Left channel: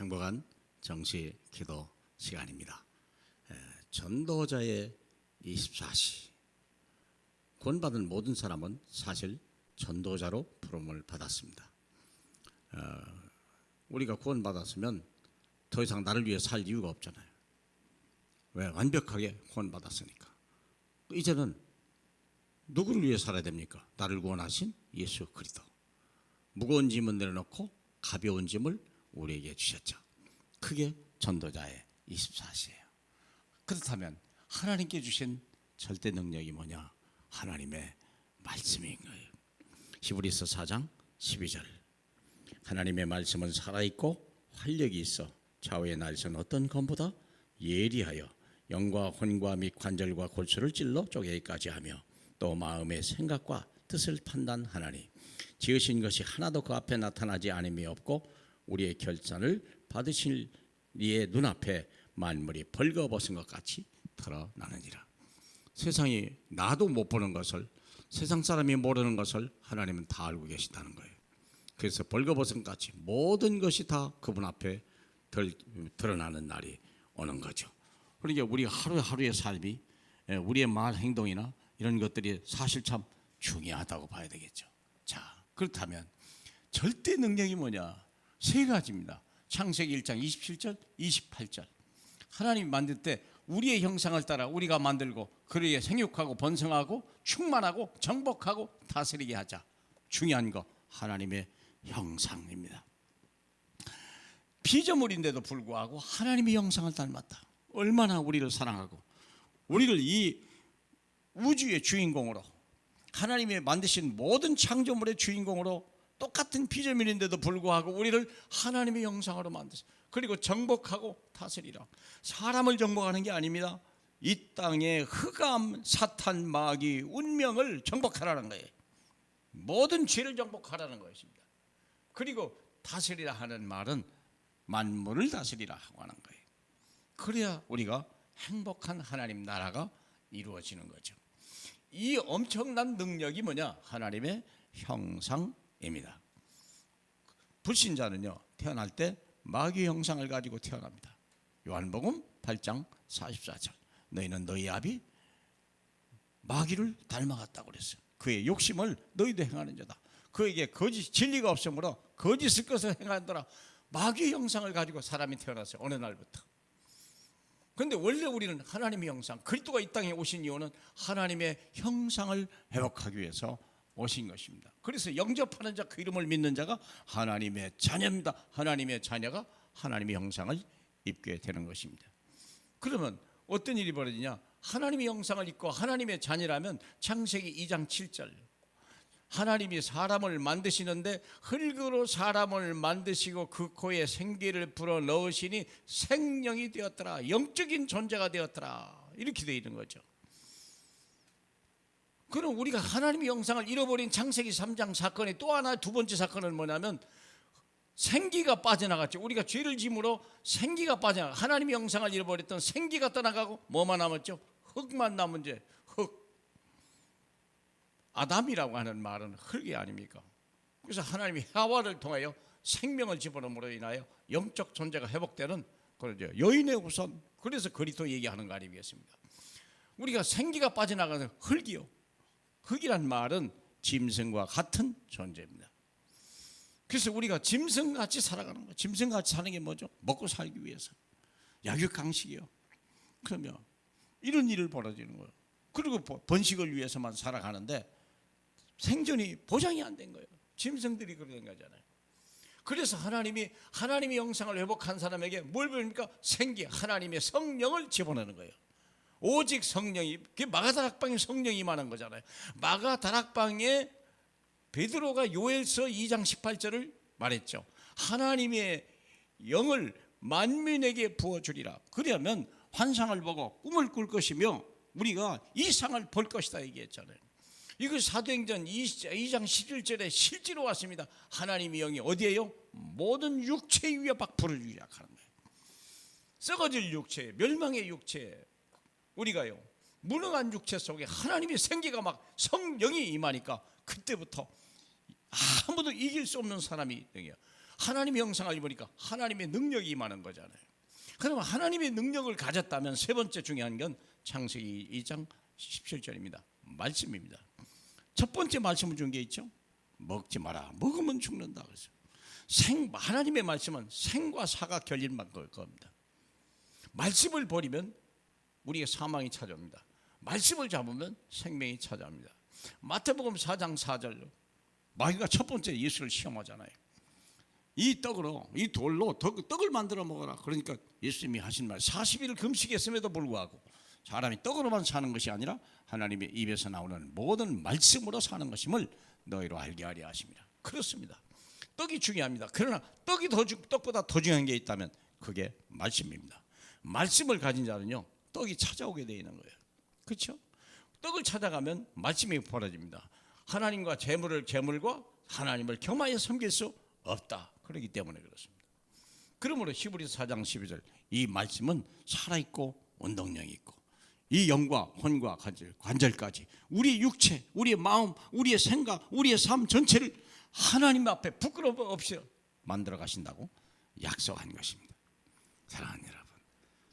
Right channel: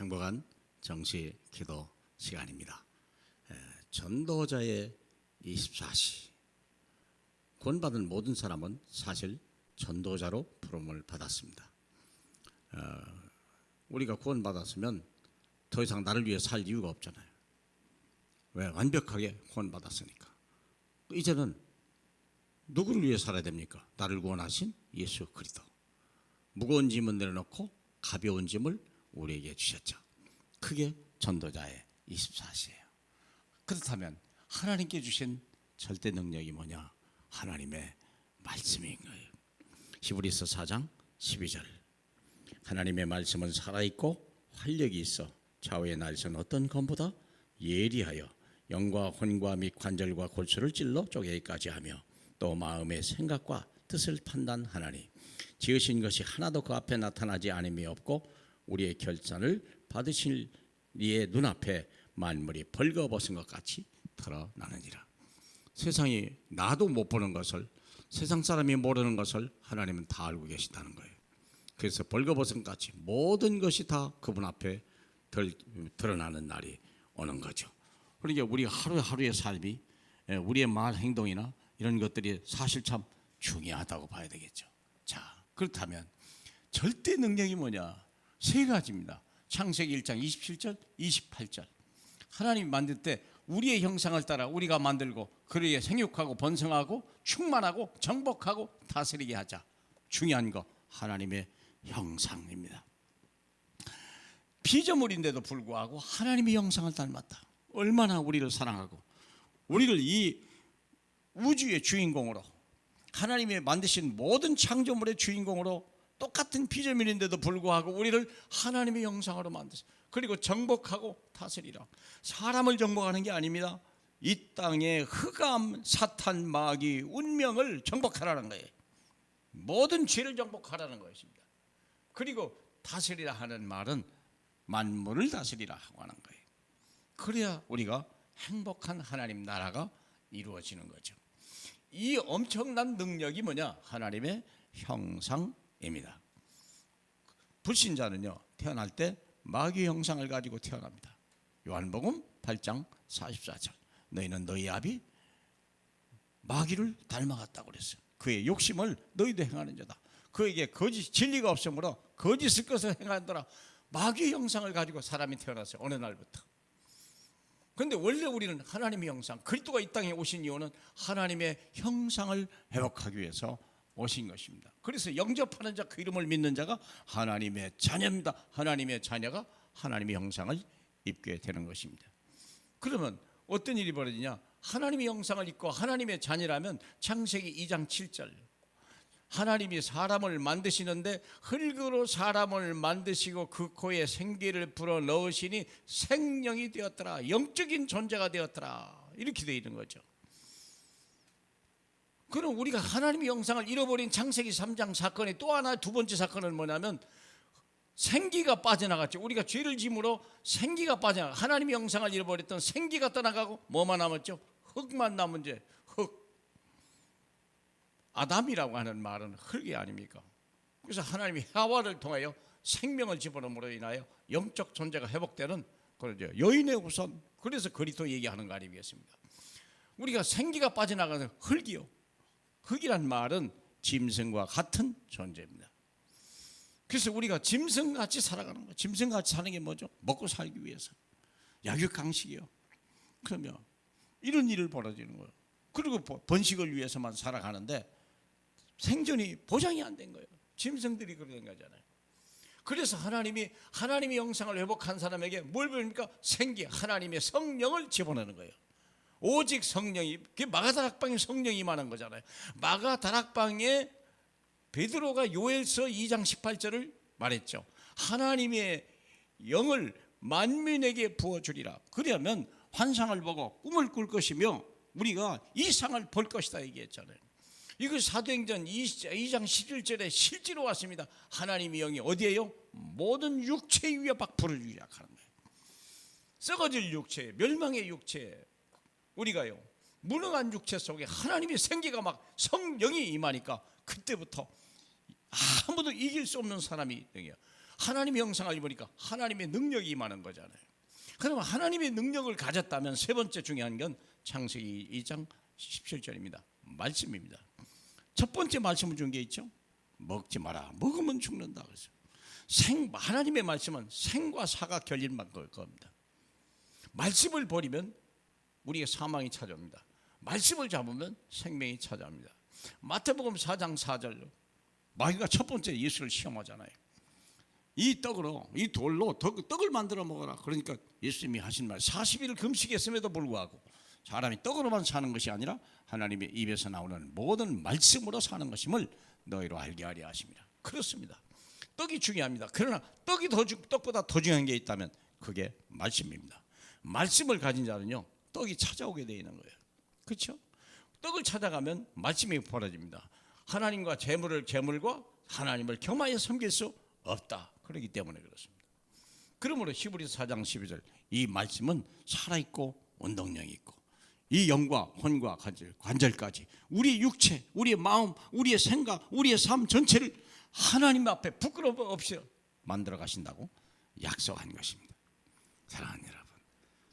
행복한 정시 기도 시간입니다. 전도자의 24시. 구원받은 모든 사람은 사실 전도자로 부름을 받았습니다. 우리가 구원받았으면 더 이상 나를 위해 살 이유가 없잖아요. 왜? 완벽하게 구원받았으니까. 이제는 누구를 위해 살아야 됩니까? 나를 구원하신 예수 그리스도. 무거운 짐은 내려놓고 가벼운 짐을 우리에게 주셨죠. 그게 전도자의 24시예요. 그렇다면 하나님께 주신 절대 능력이 뭐냐? 하나님의 말씀인 거예요. 히브리서 4장 12절. 하나님의 말씀은 살아있고 활력이 있어 좌우의 날선 어떤 검보다 예리하여 영과 혼과 및 관절과 골수를 찔러 쪼개기까지 하며 또 마음의 생각과 뜻을 판단하나니 지으신 것이 하나도 그 앞에 나타나지 않음이 없고 우리의 결단을 받으실 이의 눈앞에 만물이 벌거벗은 것 같이 드러나느니라. 세상이 나도 못 보는 것을, 세상 사람이 모르는 것을 하나님은 다 알고 계시다는 거예요. 그래서 벌거벗은 것 같이 모든 것이 다 그분 앞에 드러나는 날이 오는 거죠. 그러니까 우리 하루하루의 삶이, 우리의 말 행동이나 이런 것들이 사실 참 중요하다고 봐야 되겠죠. 자, 그렇다면 절대 능력이 뭐냐? 세 가지입니다. 창세기 1장 27절, 28절. 하나님이 만들 때 우리의 형상을 따라 우리가 만들고 그리에 생육하고 번성하고 충만하고 정복하고 다스리게 하자. 중요한 거 하나님의 형상입니다. 피조물인데도 불구하고 하나님의 형상을 닮았다. 얼마나 우리를 사랑하고 우리를 이 우주의 주인공으로, 하나님이 만드신 모든 창조물의 주인공으로, 똑같은 피조물인데도 불구하고 우리를 하나님의 형상으로 만드셨어요. 그리고 정복하고 다스리라. 사람을 정복하는 게 아닙니다. 이 땅의 흑암, 사탄, 마귀, 운명을 정복하라는 거예요. 모든 죄를 정복하라는 것입니다. 그리고 다스리라 하는 말은 만물을 다스리라 하고 하는 거예요. 그래야 우리가 행복한 하나님 나라가 이루어지는 거죠. 이 엄청난 능력이 뭐냐? 하나님의 형상입니다. 불신자는요, 태어날 때 마귀 형상을 가지고 태어납니다. 요한복음 8장 44절. 너희는 너희 아비 마귀를 닮아갔다고 그랬어요. 그의 욕심을 너희도 행하는 자다. 그에게 거짓 진리가 없으므로 거짓을 것을 행하더라. 마귀 형상을 가지고 사람이 태어났어요. 어느 날부터. 그런데 원래 우리는 하나님의 형상, 그리스도가 이 땅에 오신 이유는 하나님의 형상을 회복하기 위해서 오신 것입니다. 그래서 영접하는 자, 그 이름을 믿는 자가 하나님의 자녀입니다. 하나님의 자녀가 하나님의 형상을 입게 되는 것입니다. 그러면 어떤 일이 벌어지냐? 하나님의 형상을 입고 하나님의 자녀라면 창세기 2장 7절. 하나님이 사람을 만드시는데 흙으로 사람을 만드시고 그 코에 생기를 불어 넣으시니 생명이 되었더라. 영적인 존재가 되었더라. 이렇게 되어 있는 거죠. 그럼 우리가 하나님의 형상을 잃어버린 창세기 3장 사건의 또 하나, 두 번째 사건은 뭐냐면 생기가 빠져나갔죠. 우리가 죄를 짐으로 생기가 빠져나가, 하나님의 형상을 잃어버렸던 생기가 떠나가고 뭐만 남았죠? 흙만 남은 죄. 흙. 아담이라고 하는 말은 흙이 아닙니까? 그래서 하나님이 하와를 통하여 생명을 집어넣음으로 인하여 영적 존재가 회복되는 그러죠. 여인의 후손. 그래서 그리스도 얘기하는 거 아니겠습니까? 우리가 생기가 빠져나가는 흙이요. 흙이란 말은 짐승과 같은 존재입니다. 그래서 우리가 짐승같이 살아가는 거예요. 짐승같이 사는 게 뭐죠? 먹고 살기 위해서. 약육강식이요. 그러면 이런 일을 벌어지는 거예요. 그리고 번식을 위해서만 살아가는데 생존이 보장이 안 된 거예요. 짐승들이 그런 거잖아요. 그래서 하나님이 하나님의 형상을 회복한 사람에게 뭘 배웁니까? 생기, 하나님의 성령을 집어넣는 거예요. 오직 성령이, 그게 마가다락방에 성령이 임하는 거잖아요. 마가다락방에 베드로가 요엘서 2장 18절을 말했죠. 하나님의 영을 만민에게 부어주리라. 그러면 환상을 보고 꿈을 꿀 것이며 우리가 이상을 볼 것이다 얘기했잖아요. 이거 사도행전 2장 11절에 실제로 왔습니다. 하나님의 영이 어디에요? 모든 육체 위에 막 불을 유약하는 거예요. 썩어질 육체, 멸망의 육체, 우리가요 무능한 육체 속에 하나님의 생기가 막 성령이 임하니까 그때부터 아무도 이길 수 없는 사람이 되요. 하나님의 형상을 입으니까 하나님의 능력이 임하는 거잖아요. 그러면 하나님의 능력을 가졌다면 세 번째 중요한 건 창세기 2장 17절입니다. 말씀입니다. 첫 번째 말씀을 준 게 있죠. 먹지 마라. 먹으면 죽는다. 그래서 하나님의 말씀은 생과 사가 결림만 걸 겁니다. 말씀을 버리면 우리의 사망이 찾아옵니다. 말씀을 잡으면 생명이 찾아옵니다. 마태복음 4장 4절로 마귀가 첫 번째 예수를 시험하잖아요. 이 떡으로, 이 돌로 떡을 만들어 먹어라. 그러니까 예수님이 하신 말 40일을 금식했음에도 불구하고 사람이 떡으로만 사는 것이 아니라 하나님의 입에서 나오는 모든 말씀으로 사는 것임을 너희로 알게 하려 하십니다. 그렇습니다. 떡이 중요합니다. 그러나 떡보다 더 중요한 게 있다면 그게 말씀입니다. 말씀을 가진 자는요, 떡이 찾아오게 되어 있는 거예요. 그렇죠? 떡을 찾아가면 말씀이 벌어집니다. 하나님과 재물과 하나님을 겸하여 섬길 수 없다. 그렇기 때문에 그렇습니다. 그러므로 히브리서 4장 12절 이 말씀은 살아있고 운동력이 있고 이 영과 혼과 관절까지 우리의 육체, 우리의 마음, 우리의 생각, 우리의 삶 전체를 하나님 앞에 부끄러움 없이 만들어 가신다고 약속한 것입니다. 사랑하는 여러분,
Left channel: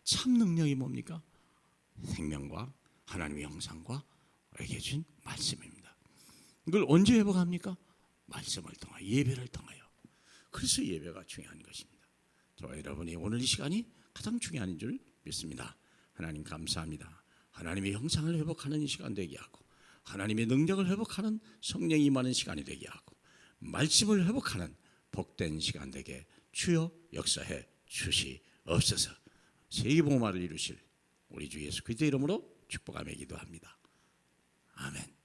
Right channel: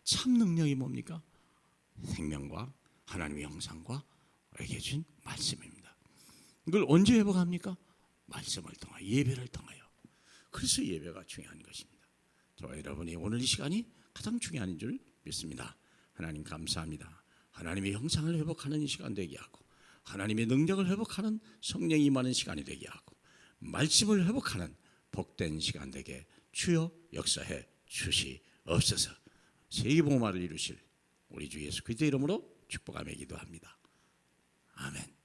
참 능력이 뭡니까? 생명과 하나님의 형상과 우리에게 준 말씀입니다. 이걸 언제 회복합니까? 말씀을 통하여, 예배를 통하여. 그래서 예배가 중요한 것입니다. 저와 여러분이 오늘 이 시간이 가장 중요한 줄 믿습니다. 하나님 감사합니다. 하나님의 형상을 회복하는 이 시간 되게 하고 하나님의 능력을 회복하는 성령이 임하는 시간이 되게 하고 말씀을 회복하는 복된 시간 되게 주여 역사해 주시옵소서. 세계복음화를 이루실 우리 주 예수 그리스도의 이름으로 축복하며 기도합니다. 아멘.